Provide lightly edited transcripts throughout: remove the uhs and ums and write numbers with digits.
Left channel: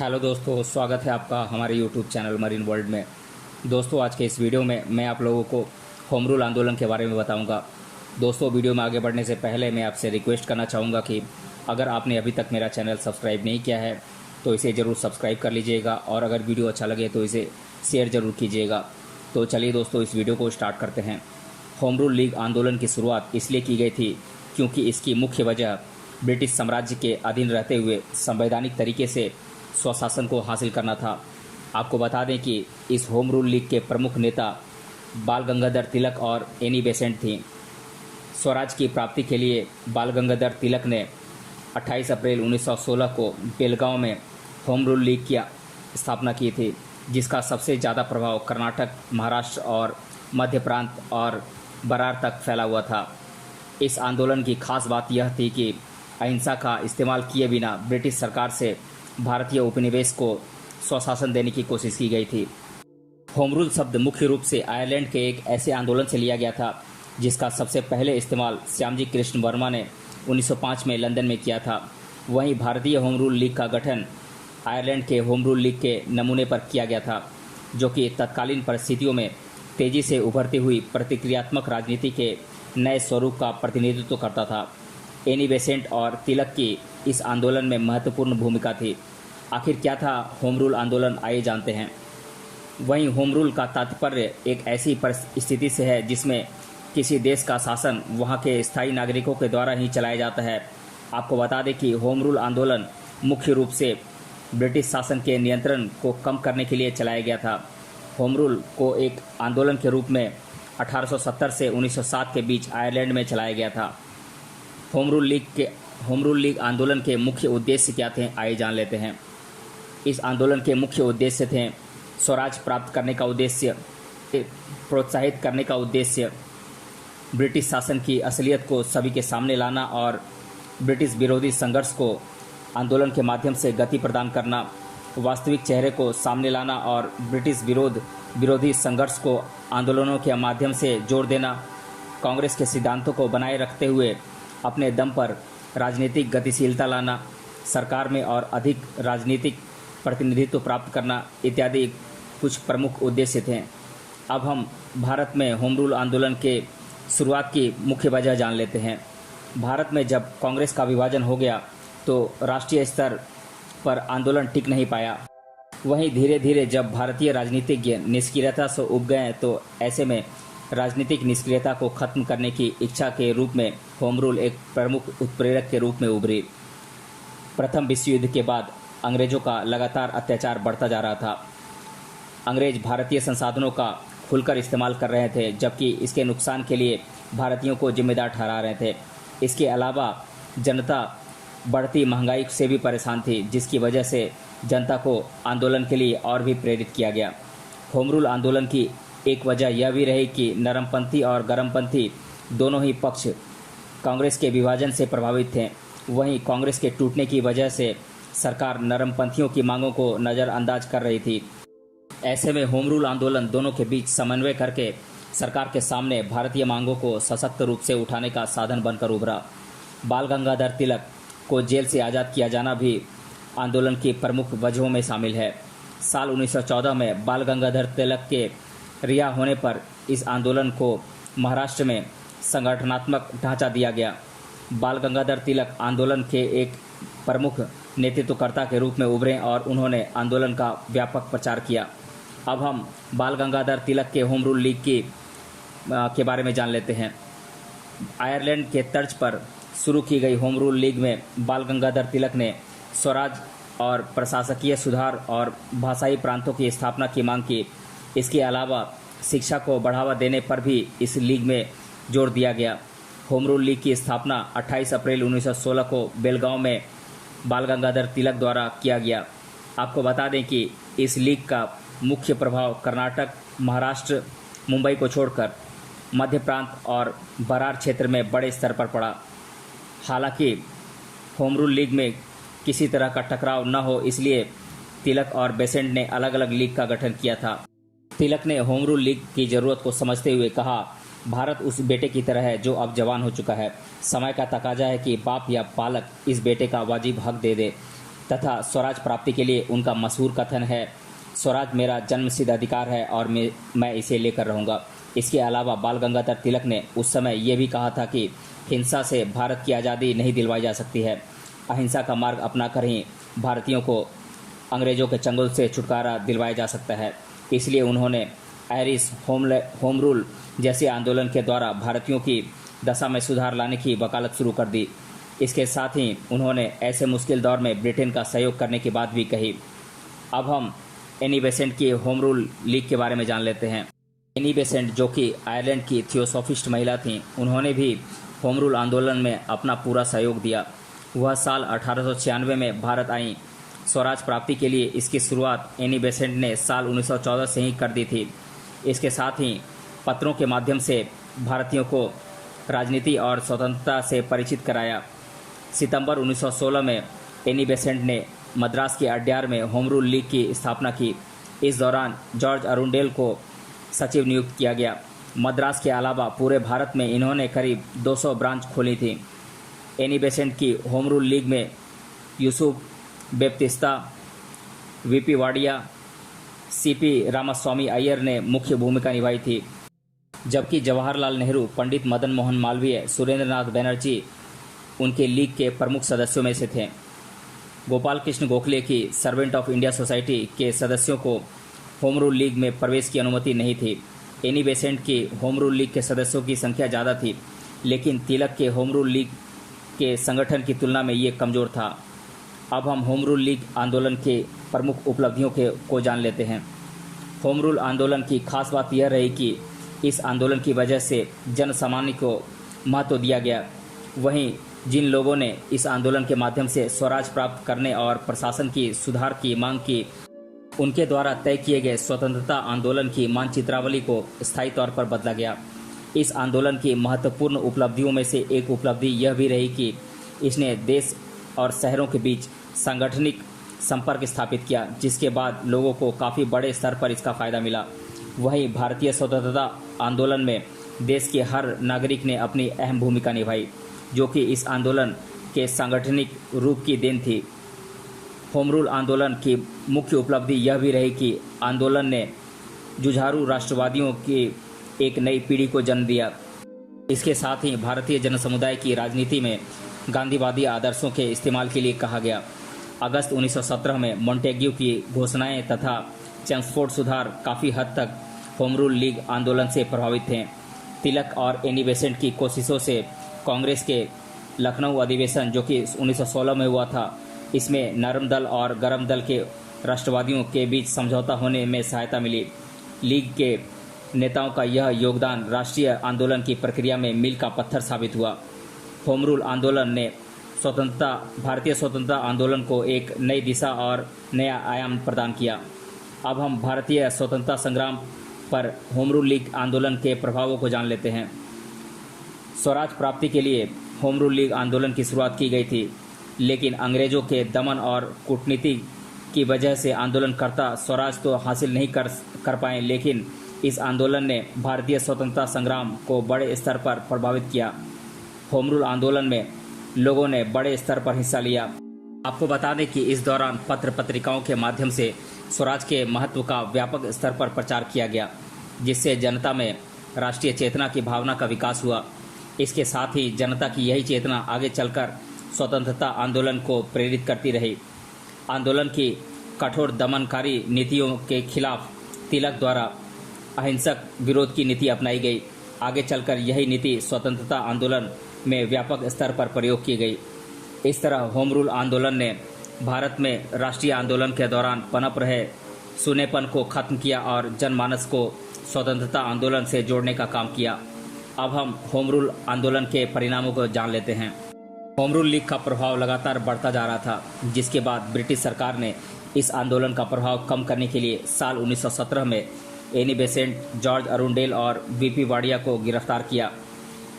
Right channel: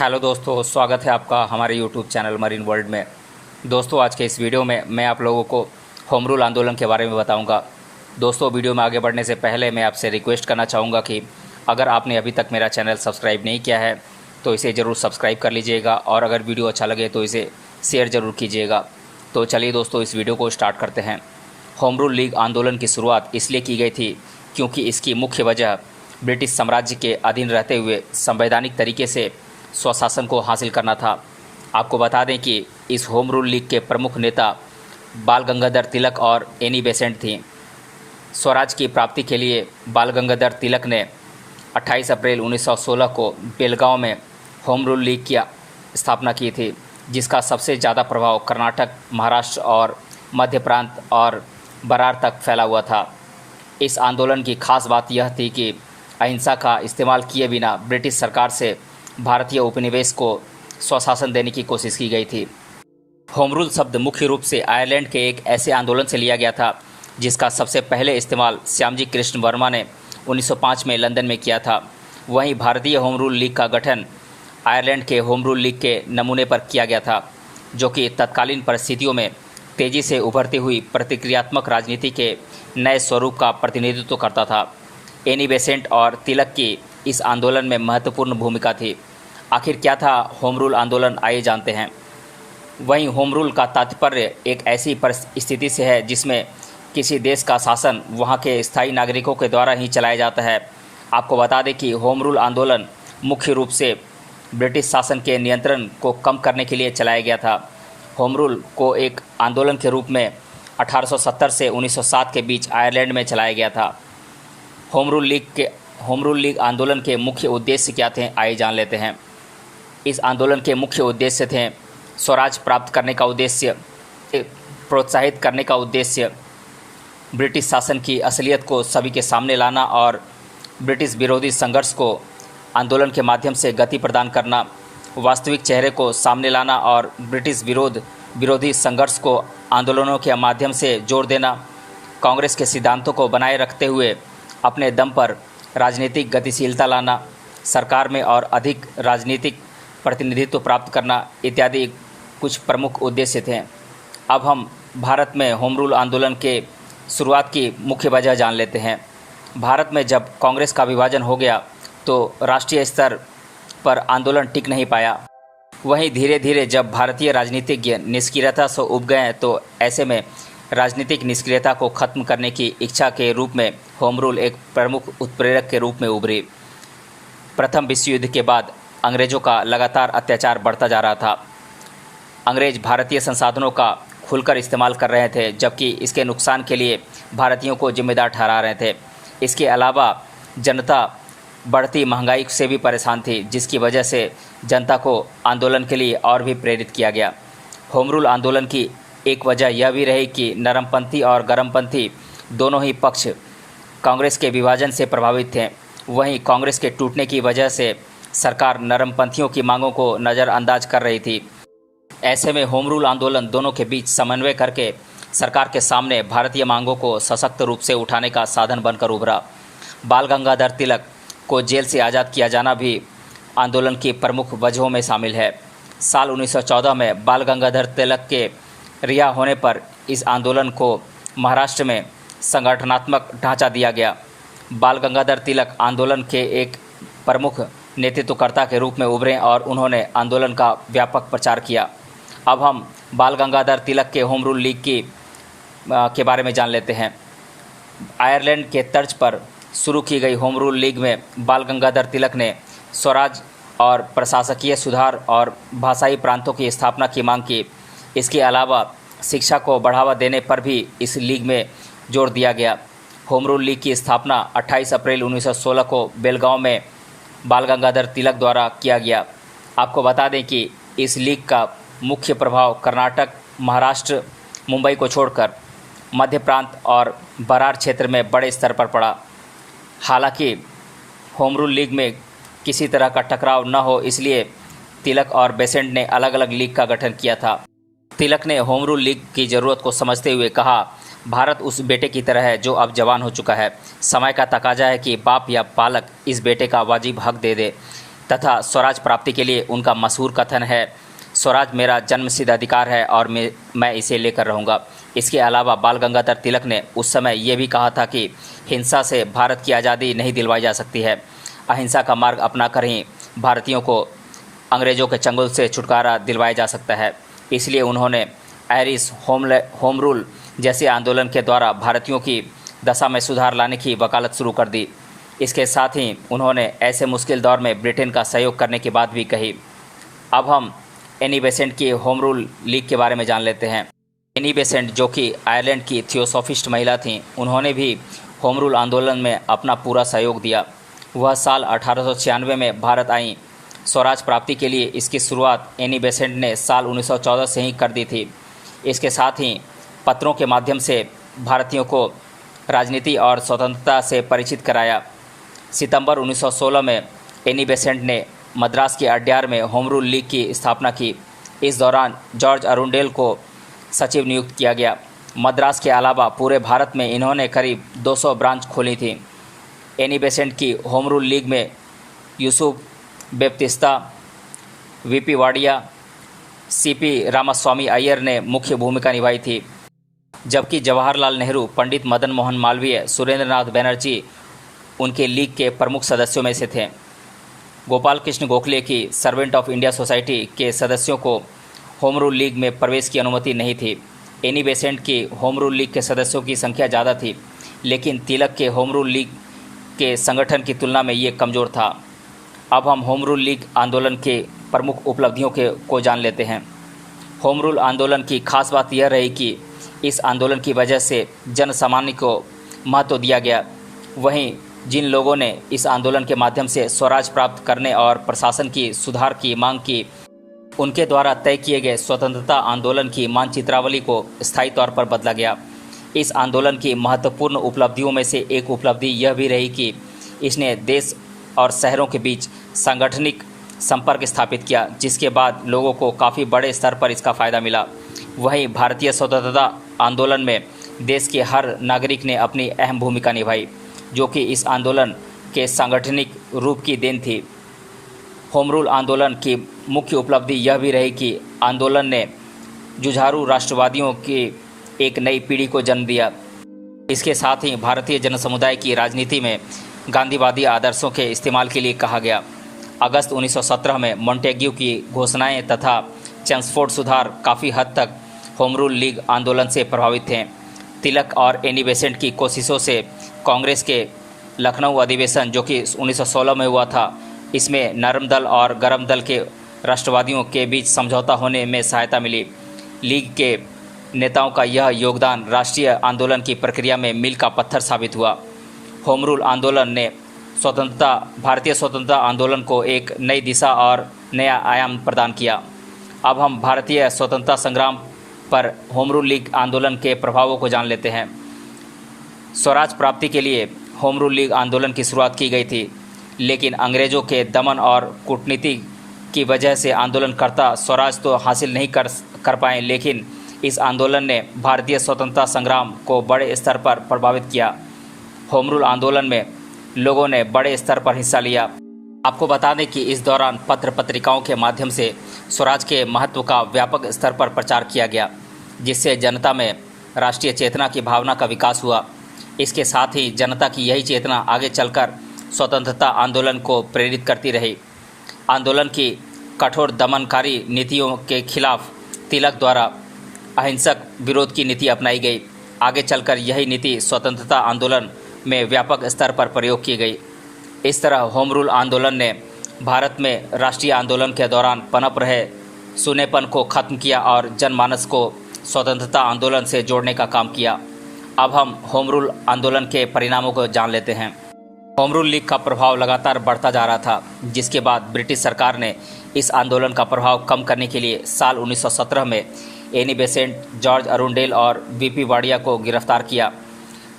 Hello दोस्तों, स्वागत है आपका हमारे यूट्यूब चैनल मरीन वर्ल्ड में। दोस्तों, आज के इस वीडियो में मैं आप लोगों को होम रूल आंदोलन के बारे में बताऊंगा। दोस्तों, वीडियो में आगे बढ़ने से पहले मैं आपसे रिक्वेस्ट करना चाहूँगा कि अगर आपने अभी तक मेरा चैनल सब्सक्राइब नहीं किया है तो इसे ज़रूर सब्सक्राइब कर लीजिएगा और अगर वीडियो अच्छा लगे तो इसे शेयर ज़रूर कीजिएगा। तो चलिए दोस्तों, इस वीडियो को स्टार्ट करते हैं। होम रूल लीग आंदोलन की शुरुआत इसलिए की गई थी क्योंकि इसकी मुख्य वजह ब्रिटिश साम्राज्य के अधीन रहते हुए संवैधानिक तरीके से स्वशासन को हासिल करना था। आपको बता दें कि इस होम रूल लीग के प्रमुख नेता बाल गंगाधर तिलक और एनी बेसेंट थीं। स्वराज की प्राप्ति के लिए बाल गंगाधर तिलक ने 28 अप्रैल 1916 को बेलगांव में होम रूल लीग की स्थापना की थी, जिसका सबसे ज़्यादा प्रभाव कर्नाटक, महाराष्ट्र और मध्य प्रांत और बरार तक फैला हुआ था। इस आंदोलन की खास बात यह थी कि अहिंसा का इस्तेमाल किए बिना ब्रिटिश सरकार से भारतीय उपनिवेश को स्वशासन देने की कोशिश की गई थी। होम रूल शब्द मुख्य रूप से आयरलैंड के एक ऐसे आंदोलन से लिया गया था जिसका सबसे पहले इस्तेमाल श्यामजी कृष्ण वर्मा ने 1905 में लंदन में किया था। वहीं भारतीय होम रूल लीग का गठन आयरलैंड के होम रूल लीग के नमूने पर किया गया था, जो कि तत्कालीन परिस्थितियों में तेज़ी से उभरती हुई प्रतिक्रियात्मक राजनीति के नए स्वरूप का प्रतिनिधित्व करता था। एनी बेसेंट और तिलक की इस आंदोलन में महत्वपूर्ण भूमिका थी। आखिर क्या था होम रूल आंदोलन, आइए जानते हैं। वहीं होम रूल का तात्पर्य एक ऐसी परिस्थिति से है जिसमें किसी देश का शासन वहां के स्थायी नागरिकों के द्वारा ही चलाया जाता है। आपको बता दें कि होम रूल आंदोलन मुख्य रूप से ब्रिटिश शासन के नियंत्रण को कम करने के लिए चलाया गया था। होम रूल को एक आंदोलन के रूप में 1870 से 1907 के बीच आयरलैंड में चलाया गया था। होम रूल लीग आंदोलन के मुख्य उद्देश्य क्या थे, आइए जान लेते हैं। इस आंदोलन के मुख्य उद्देश्य थे स्वराज प्राप्त करने का उद्देश्य, प्रोत्साहित करने का उद्देश्य, ब्रिटिश शासन की असलियत को सभी के सामने लाना और ब्रिटिश विरोधी संघर्ष को आंदोलन के माध्यम से गति प्रदान करना, वास्तविक चेहरे को सामने लाना और ब्रिटिश विरोधी संघर्ष को आंदोलनों के माध्यम से जोड़ देना, कांग्रेस के सिद्धांतों को बनाए रखते हुए अपने दम पर राजनीतिक गतिशीलता लाना, सरकार में और अधिक राजनीतिक प्रतिनिधित्व प्राप्त करना इत्यादि कुछ प्रमुख उद्देश्य थे। अब हम भारत में होम रूल आंदोलन के शुरुआत की मुख्य वजह जान लेते हैं। भारत में जब कांग्रेस का विभाजन हो गया तो राष्ट्रीय स्तर पर आंदोलन टिक नहीं पाया। वहीं धीरे धीरे जब भारतीय राजनीतिज्ञ निष्क्रियता से उब गए तो ऐसे में राजनीतिक निष्क्रियता को खत्म करने की इच्छा के रूप में होम रूल एक प्रमुख उत्प्रेरक के रूप में उभरी। प्रथम विश्व युद्ध के बाद अंग्रेज़ों का लगातार अत्याचार बढ़ता जा रहा था। अंग्रेज भारतीय संसाधनों का खुलकर इस्तेमाल कर रहे थे, जबकि इसके नुकसान के लिए भारतीयों को जिम्मेदार ठहरा रहे थे। इसके अलावा जनता बढ़ती महंगाई से भी परेशान थी, जिसकी वजह से जनता को आंदोलन के लिए और भी प्रेरित किया गया। होम रूल आंदोलन की एक वजह यह भी रही कि नरमपंथी और गरमपंथी दोनों ही पक्ष कांग्रेस के विभाजन से प्रभावित थे। वहीं कांग्रेस के टूटने की वजह से सरकार नरमपंथियों की मांगों को नज़रअंदाज कर रही थी। ऐसे में होम रूल आंदोलन दोनों के बीच समन्वय करके सरकार के सामने भारतीय मांगों को सशक्त रूप से उठाने का साधन बनकर उभरा। बाल गंगाधर तिलक को जेल से आज़ाद किया जाना भी आंदोलन की प्रमुख वजहों में शामिल है। साल 1914 में बाल गंगाधर तिलक के रिहा होने पर इस आंदोलन को महाराष्ट्र में संगठनात्मक ढांचा दिया गया। बाल गंगाधर तिलक आंदोलन के एक प्रमुख नेतृत्वकर्ता के रूप में उभरे और उन्होंने आंदोलन का व्यापक प्रचार किया। अब हम बाल गंगाधर तिलक के होम रूल लीग के बारे में जान लेते हैं। आयरलैंड के तर्ज पर शुरू की गई होम रूल लीग में बाल गंगाधर तिलक ने स्वराज और प्रशासकीय सुधार और भाषाई प्रांतों की स्थापना की मांग की। इसके अलावा शिक्षा को बढ़ावा देने पर भी इस लीग में जोर दिया गया। होम रूल लीग की स्थापना 28 अप्रैल 1916 को बेलगांव में बाल गंगाधर तिलक द्वारा किया गया। आपको बता दें कि इस लीग का मुख्य प्रभाव कर्नाटक, महाराष्ट्र, मुंबई को छोड़कर मध्य प्रांत और बरार क्षेत्र में बड़े स्तर पर पड़ा। हालांकि होम रूल लीग में किसी तरह का टकराव न हो, इसलिए तिलक और बेसेंट ने अलग अलग लीग का गठन किया था। तिलक ने होम रूल लीग की ज़रूरत को समझते हुए कहा, भारत उस बेटे की तरह है जो अब जवान हो चुका है। समय का तकाजा है कि बाप या पालक इस बेटे का वाजिब हक दे दे। तथा स्वराज प्राप्ति के लिए उनका मशहूर कथन है, स्वराज मेरा जन्मसिद्ध अधिकार है और मैं इसे लेकर रहूँगा। इसके अलावा बाल गंगाधर तिलक ने उस समय ये भी कहा था कि हिंसा से भारत की आज़ादी नहीं दिलवाई जा सकती है, अहिंसा का मार्ग अपनाकर ही भारतीयों को अंग्रेज़ों के चंगुल से छुटकारा दिलवाया जा सकता है। इसलिए उन्होंने आयरिश होम रूल जैसे आंदोलन के द्वारा भारतीयों की दशा में सुधार लाने की वकालत शुरू कर दी। इसके साथ ही उन्होंने ऐसे मुश्किल दौर में ब्रिटेन का सहयोग करने की बात भी कही। अब हम एनी बेसेंट की होम रूल लीग के बारे में जान लेते हैं। एनी बेसेंट, जो कि आयरलैंड की थियोसॉफिस्ट महिला थीं, उन्होंने भी होम रूल आंदोलन में अपना पूरा सहयोग दिया। वह साल 1896 में भारत आईं। स्वराज प्राप्ति के लिए इसकी शुरुआत एनी बेसेंट ने साल 1914 से ही कर दी थी। इसके साथ ही पत्रों के माध्यम से भारतीयों को राजनीति और स्वतंत्रता से परिचित कराया। सितंबर 1916 में एनी बेसेंट ने मद्रास के अड्यार में होम रूल लीग की स्थापना की। इस दौरान जॉर्ज अरुंडेल को सचिव नियुक्त किया गया। मद्रास के अलावा पूरे भारत में इन्होंने करीब 200 ब्रांच खोली थी। एनी बेसेंट की होम रूल लीग में यूसुफ बेप्तिस्ता, वीपी वाडिया, सीपी रामास्वामी अय्यर ने मुख्य भूमिका निभाई थी, जबकि जवाहरलाल नेहरू, पंडित मदन मोहन मालवीय, सुरेंद्रनाथ बनर्जी उनके लीग के प्रमुख सदस्यों में से थे। गोपाल कृष्ण गोखले की सर्वेंट ऑफ इंडिया सोसाइटी के सदस्यों को होम रूल लीग में प्रवेश की अनुमति नहीं थी। एनी बेसेंट की होम रूल लीग के सदस्यों की संख्या ज़्यादा थी, लेकिन तिलक के होम रूल लीग के संगठन की तुलना में ये कमज़ोर था। अब हम होम रूल लीग आंदोलन के प्रमुख उपलब्धियों को जान लेते हैं। होम रूल आंदोलन की खास बात यह रही कि इस आंदोलन की वजह से जन सामान्य को महत्व दिया गया। वहीं जिन लोगों ने इस आंदोलन के माध्यम से स्वराज प्राप्त करने और प्रशासन की सुधार की मांग की, उनके द्वारा तय किए गए स्वतंत्रता आंदोलन की मानचित्रावली को स्थायी तौर पर बदला गया। इस आंदोलन की महत्वपूर्ण उपलब्धियों में से एक उपलब्धि यह भी रही कि इसने देश और शहरों के बीच सांगठनिक संपर्क स्थापित किया, जिसके बाद लोगों को काफ़ी बड़े स्तर पर इसका फ़ायदा मिला। वहीं भारतीय स्वतंत्रता आंदोलन में देश के हर नागरिक ने अपनी अहम भूमिका निभाई, जो कि इस आंदोलन के सांगठनिक रूप की देन थी। होम रूल आंदोलन की मुख्य उपलब्धि यह भी रही कि आंदोलन ने जुझारू राष्ट्रवादियों की एक नई पीढ़ी को जन्म दिया। इसके साथ ही भारतीय जनसमुदाय की राजनीति में गांधीवादी आदर्शों के इस्तेमाल के लिए कहा गया। अगस्त 1917 में मॉन्टेग्यू की घोषणाएं तथा चेम्सफोर्ड सुधार काफ़ी हद तक होम रूल लीग आंदोलन से प्रभावित थे। तिलक और एनी बेसेंट की कोशिशों से कांग्रेस के लखनऊ अधिवेशन, जो कि 1916 में हुआ था, इसमें नरम दल और गरम दल के राष्ट्रवादियों के बीच समझौता होने में सहायता मिली। लीग के नेताओं का यह योगदान राष्ट्रीय आंदोलन की प्रक्रिया में मील का पत्थर साबित हुआ। होम रूल आंदोलन ने भारतीय स्वतंत्रता आंदोलन को एक नई दिशा और नया आयाम प्रदान किया। अब हम भारतीय स्वतंत्रता संग्राम पर होम रूल लीग आंदोलन के प्रभावों को जान लेते हैं। स्वराज प्राप्ति के लिए होम रूल लीग आंदोलन की शुरुआत की गई थी, लेकिन अंग्रेज़ों के दमन और कूटनीति की वजह से आंदोलनकर्ता स्वराज तो हासिल नहीं कर पाए, लेकिन इस आंदोलन ने भारतीय स्वतंत्रता संग्राम को बड़े स्तर पर प्रभावित किया। होम रूल आंदोलन में लोगों ने बड़े स्तर पर हिस्सा लिया। आपको बता दें कि इस दौरान पत्र पत्रिकाओं के माध्यम से स्वराज के महत्व का व्यापक स्तर पर प्रचार किया गया, जिससे जनता में राष्ट्रीय चेतना की भावना का विकास हुआ। इसके साथ ही जनता की यही चेतना आगे चलकर स्वतंत्रता आंदोलन को प्रेरित करती रही। आंदोलन की कठोर दमनकारी नीतियों के खिलाफ तिलक द्वारा अहिंसक विरोध की नीति अपनाई गई। आगे चलकर यही नीति स्वतंत्रता आंदोलन में व्यापक स्तर पर प्रयोग की गई। इस तरह होम रूल आंदोलन ने भारत में राष्ट्रीय आंदोलन के दौरान पनप रहे सुनेपन को खत्म किया और जनमानस को स्वतंत्रता आंदोलन से जोड़ने का काम किया। अब हम होम रूल आंदोलन के परिणामों को जान लेते हैं। होम रूल लीग का प्रभाव लगातार बढ़ता जा रहा था, जिसके बाद ब्रिटिश सरकार ने इस आंदोलन का प्रभाव कम करने के लिए साल 1917 में एनी बेसेंट, जॉर्ज अरुंडेल और वीपी वाडिया को गिरफ्तार किया।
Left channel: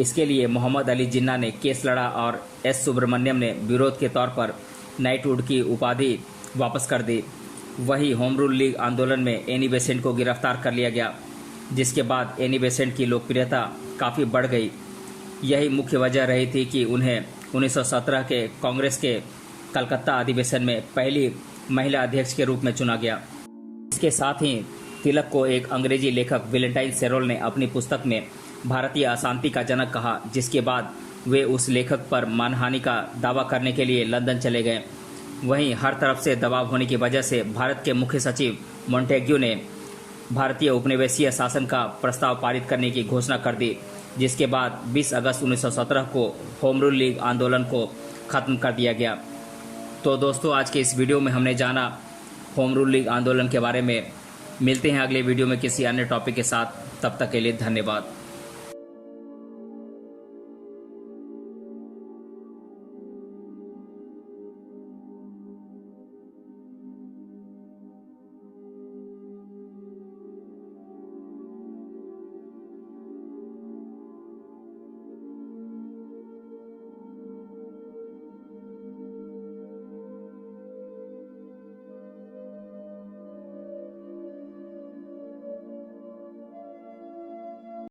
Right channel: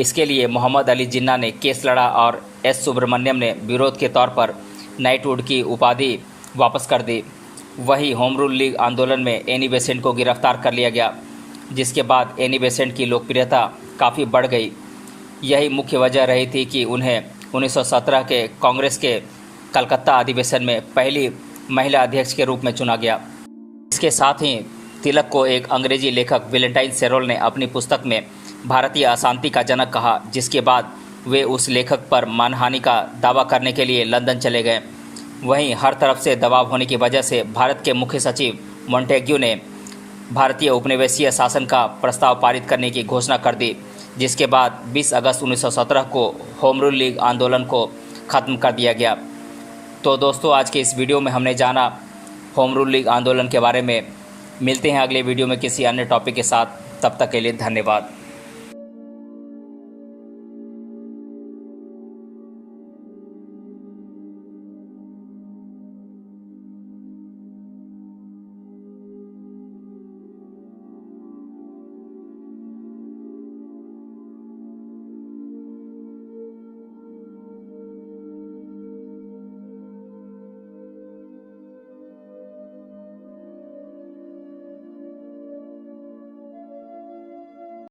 इसके लिए मोहम्मद अली जिन्ना ने केस लड़ा और एस सुब्रमण्यम ने विरोध के तौर पर नाइटवुड की उपाधि वापस कर दी। वही होम रूल लीग आंदोलन में एनी बेसेंट को गिरफ्तार कर लिया गया, जिसके बाद एनी बेसेंट की लोकप्रियता काफ़ी बढ़ गई। यही मुख्य वजह रही थी कि उन्हें 1917 के कांग्रेस के कलकत्ता अधिवेशन में पहली महिला अध्यक्ष के रूप में चुना गया। इसके साथ ही तिलक को एक अंग्रेजी लेखक वैलेंटाइन सेरोल ने अपनी पुस्तक में भारतीय अशांति का जनक कहा, जिसके बाद वे उस लेखक पर मानहानि का दावा करने के लिए लंदन चले गए। वहीं हर तरफ से दबाव होने की वजह से भारत के मुख्य सचिव मॉन्टेग्यू ने भारतीय उपनिवेशीय शासन का प्रस्ताव पारित करने की घोषणा कर दी, जिसके बाद 20 अगस्त 1917 को होम रूल लीग आंदोलन को ख़त्म कर दिया गया। तो दोस्तों, आज के इस वीडियो में हमने जाना होम रूल लीग आंदोलन के बारे में। मिलते हैं अगले वीडियो में किसी अन्य टॉपिक के साथ। तब तक के लिए धन्यवाद।